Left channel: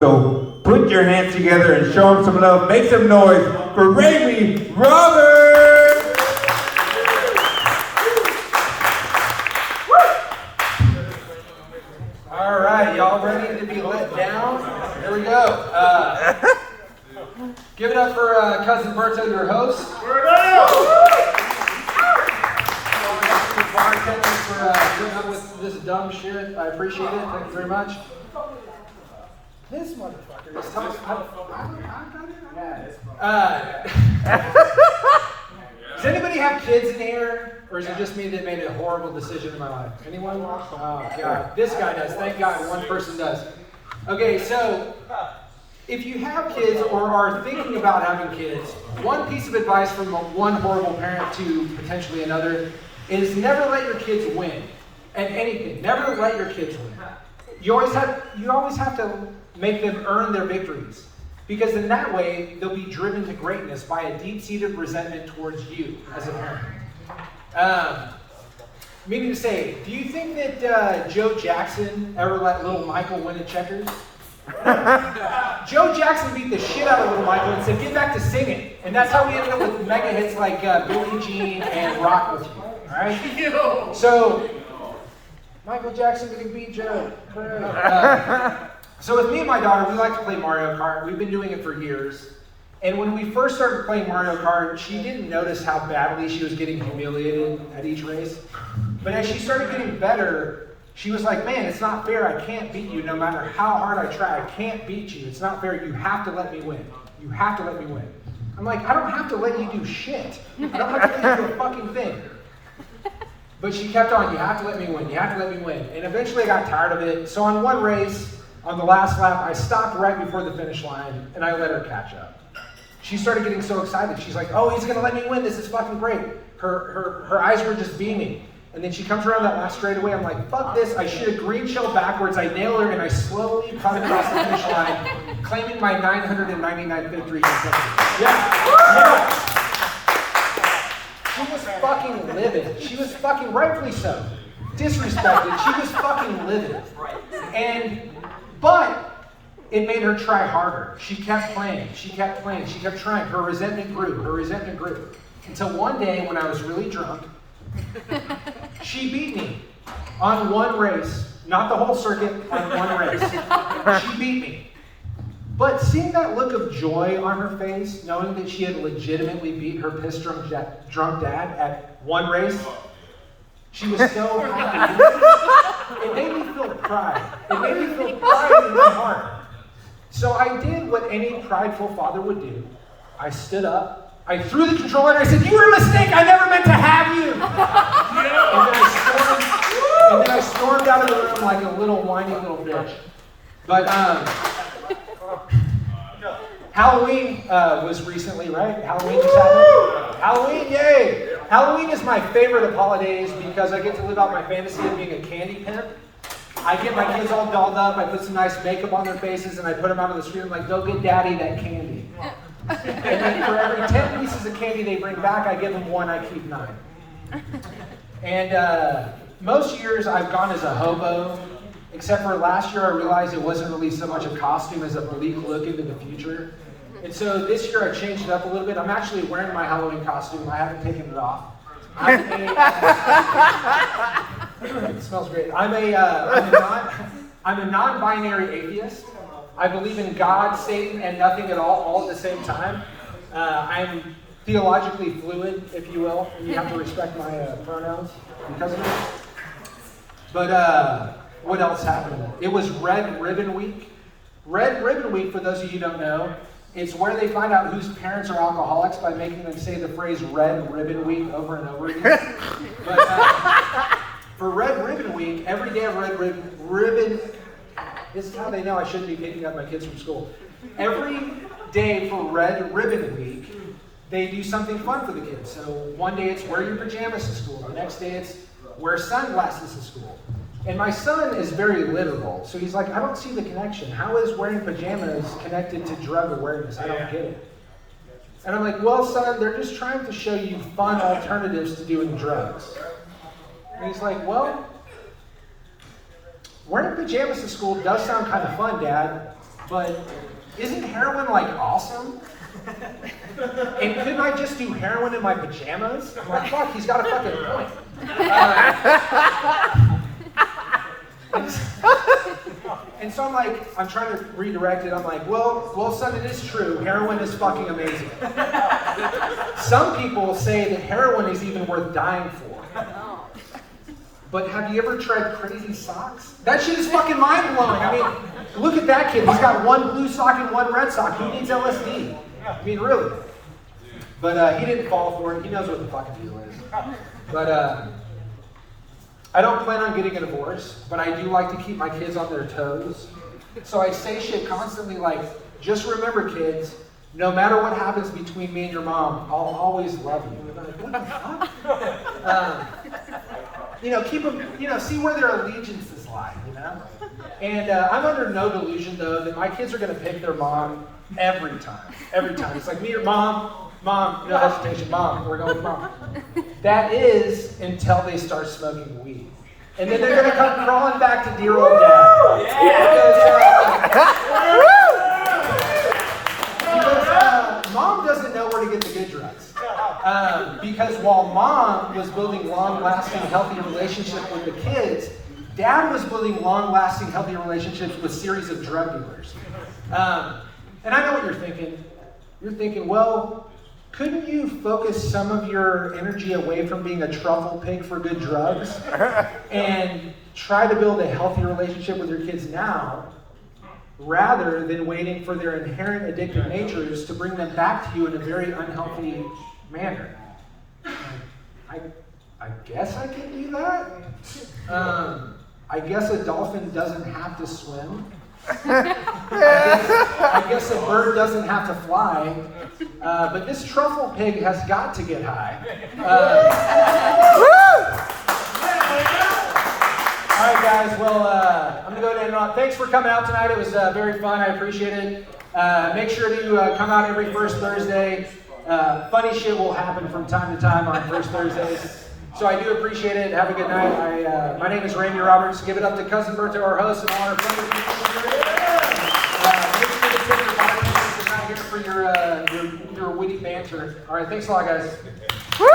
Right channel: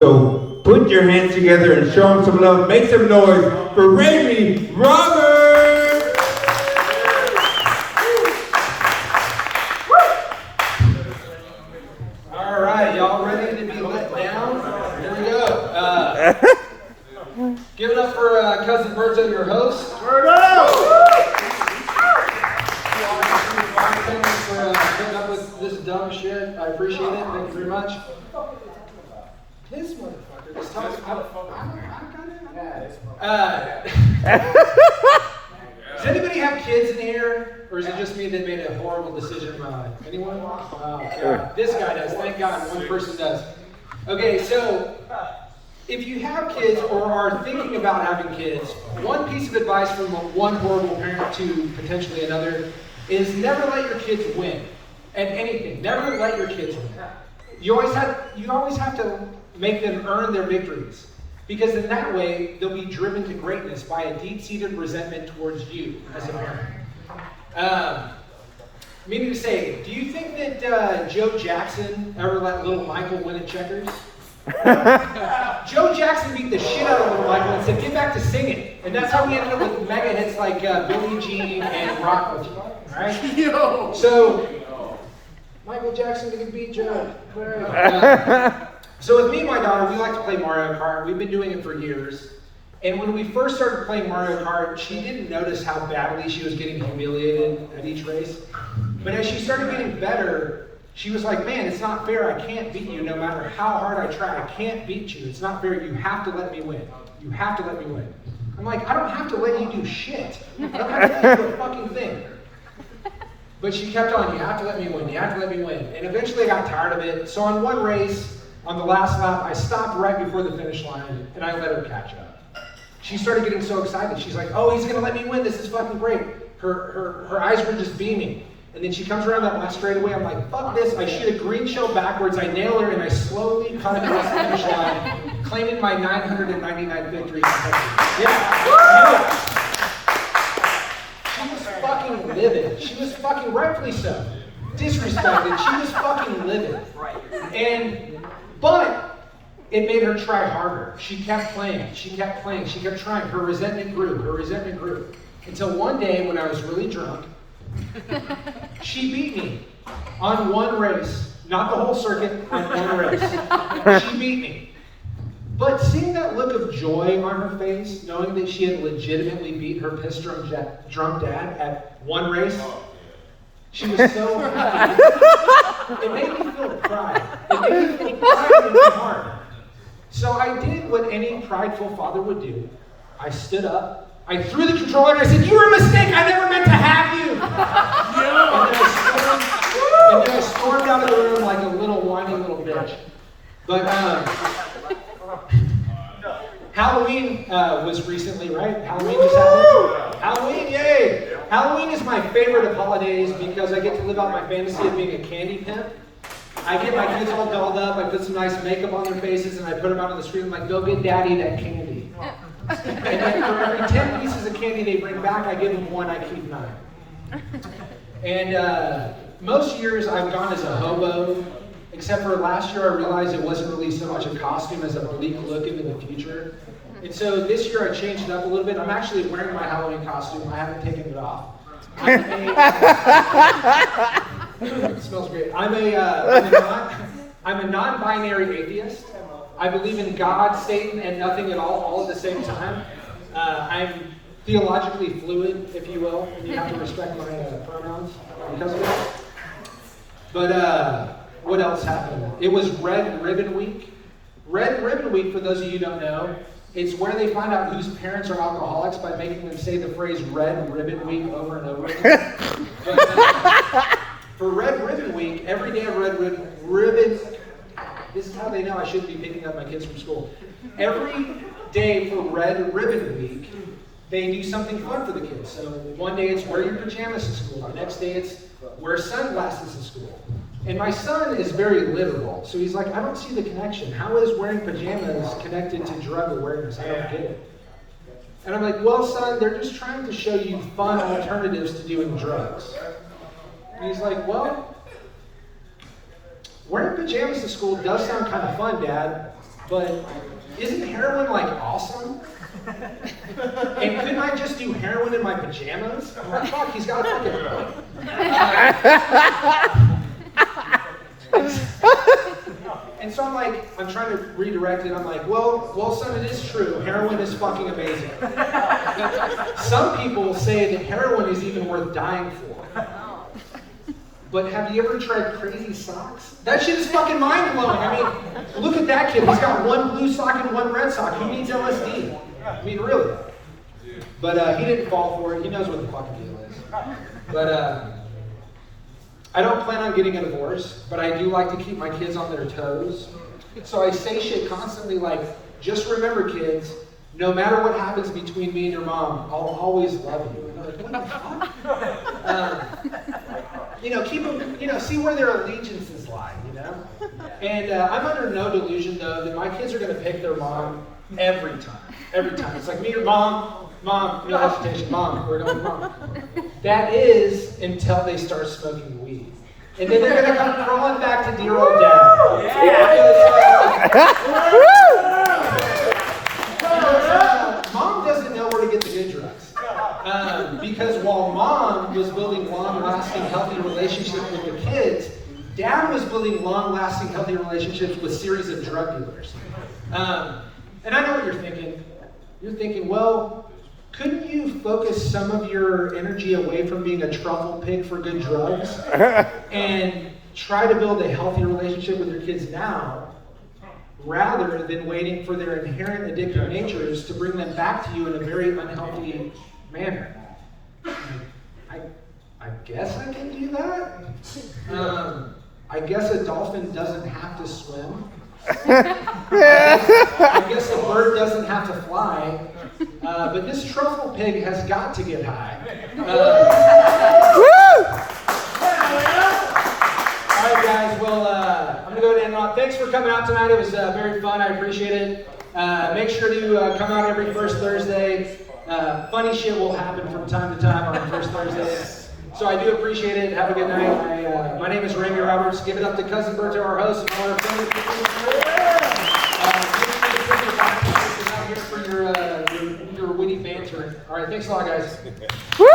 So put your hands together and show them some love. Make some noise for Raimi Roberts! All right, y'all ready to be let down? Here we go. Give it up for Cousin Berto, your host. For putting up with this dumb shit. I appreciate it. Thank you very much. This motherfucker is talking. Does anybody have kids in here? Or is it just me that made a horrible decision in my life? Anyone? Oh, God. This guy does. Thank God one person does. Okay, so if you have kids or are thinking about having kids, one piece of advice from one horrible parent to potentially another is never let your kids win at anything. Never let your kids win. You always have to make them earn their victories, because in that way they'll be driven to greatness by a deep-seated resentment towards you as a parent. Meaning to say, do you think that Joe Jackson ever let little Michael win at checkers? Joe Jackson beat the shit out of little Michael and said, "Get back to singing," and that's how we ended up with mega hits like Billie Jean and Rock With You. All right. So Michael Jackson didn't beat Joe. So with me and my daughter, we like to play Mario Kart. We've been doing it for years. And when we first started playing Mario Kart, she didn't notice how badly she was getting humiliated at each race. But as she started getting better, she was like, "Man, it's not fair. I can't beat you no matter how hard I try. I can't beat you. It's not fair. You have to let me win. You have to let me win." I'm like, "I don't have to let you do shit. I don't have to let you do a fucking thing." But she kept on, "You have to let me win. You have to let me win." And eventually I got tired of it. So on one race, on the last lap, I stopped right before the finish line and I let her catch up. She started getting so excited. She's like, "Oh, he's gonna let me win. This is fucking great." Her eyes were just beaming. And then she comes around that last straightaway. I'm like, "Fuck this." I shoot a green shell backwards. I nail her and I slowly cut across the finish line, claiming my 999 victory. Yeah. She was fucking livid. She was fucking, rightfully so, disrespected. She was fucking livid. But it made her try harder. She kept playing. She kept playing. She kept trying. Her resentment grew. Her resentment grew. Until one day when I was really drunk, she beat me on one race. Not the whole circuit, on one race. She beat me. But seeing that look of joy on her face, knowing that she had legitimately beat her piss-drunk dad at one race, she was so happy. It made me feel pride. It made me feel pride in my heart. So I did what any prideful father would do. I stood up, I threw the controller, and I said, "You were a mistake. I never meant to have you." And then I stormed out of the room like a little whiny little bitch. But Halloween was recently, right? Halloween just happened. Halloween, yay! Halloween is my favorite of holidays because I get to live out my fantasy of being a candy pimp. I get my kids all dolled up, I put some nice makeup on their faces, and I put them out on the street and I'm like, "Go get daddy that candy." And then for every 10 pieces of candy they bring back, I give them one, I keep 9. And most years I've gone as a hobo, except for last year I realized it wasn't really so much a costume as a bleak look into the future. And so this year I changed it up a little bit. I'm actually wearing my Halloween costume. I haven't taken it off. It smells great. I'm a non-binary atheist. I believe in God, Satan, and nothing at all at the same time. I'm theologically fluid, if you will, and you have to respect my pronouns because of it. But what else happened? It was Red Ribbon Week. Red Ribbon Week, for those of you who don't know, it's where they find out whose parents are alcoholics by making them say the phrase Red Ribbon Week over and over again. But for Red Ribbon Week, every day of Red Ribbon, this is how they know I shouldn't be picking up my kids from school. Every day for Red Ribbon Week, they do something fun for the kids. So one day it's wear your pajamas to school. The next day it's wear sunglasses to school. And my son is very literal, so he's like, "I don't see the connection. How is wearing pajamas connected to drug awareness? I don't get it." And I'm like, "Well, son, they're just trying to show you fun alternatives to doing drugs." And he's like, "Well, wearing pajamas to school does sound kind of fun, Dad, but isn't heroin like awesome? And couldn't I just do heroin in my pajamas? I'm like, fuck, he's got a fucking point. And so I'm like, I'm trying to redirect it. I'm like, well, son, it is true. Heroin is fucking amazing. Some people say that heroin is even worth dying for. But have you ever tried crazy socks? That shit is fucking mind-blowing. I mean, look at that kid. He's got one blue sock and one red sock. He needs LSD. I mean, really. But he didn't fall for it. He knows what the fucking deal is. But I don't plan on getting a divorce, but I do like to keep my kids on their toes. So I say shit constantly like, just remember, kids, no matter what happens between me and your mom, I'll always love you. And they're like, what the fuck? Keep them, see where their allegiances lie, And I'm under no delusion, though, that my kids are going to pick their mom every time. Every time. It's like, me or mom, no hesitation, mom, we're going with mom. That is until they start smoking weed. And then they're going to come crawling back to dear old dad. Because mom doesn't know where to get the good drugs. Because while mom was building long-lasting, healthy relationships with the kids, dad was building long-lasting, healthy relationships with a series of drug dealers. And I know what you're thinking. You're thinking, well, couldn't you focus some of your energy away from being a truffle pig for good drugs and try to build a healthy relationship with your kids now, rather than waiting for their inherent addictive natures to bring them back to you in a very unhealthy manner? I guess I can do that. I guess a dolphin doesn't have to swim. I guess a bird doesn't have to fly. But this truffle pig has got to get high. All right, guys. Well, I'm gonna go ahead and on. Thanks for coming out tonight. It was very fun. I appreciate it. Make sure that you come out every first Thursday. Funny shit will happen from time to time on first Thursdays. So I do appreciate it. Have a good night. My name is Randy Roberts. Give it up to Cousin Berto, our host, and all our funny people. We're not here for your witty banter. All right, thanks a lot, guys. Woo!